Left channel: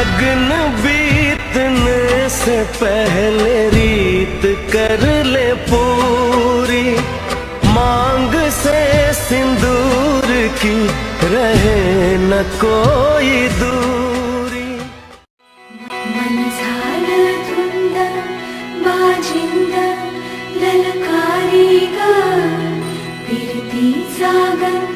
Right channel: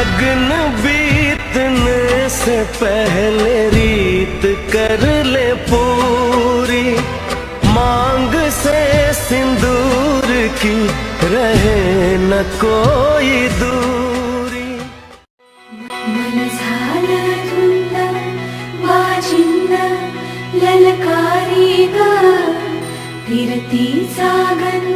लगन बीतने से पहले रीत कर ले पूरी, मांग से सिंदूर की रहे न कोई दूरी। मन झालं धुंद बाजिंद ललकारी ग फिरती सागन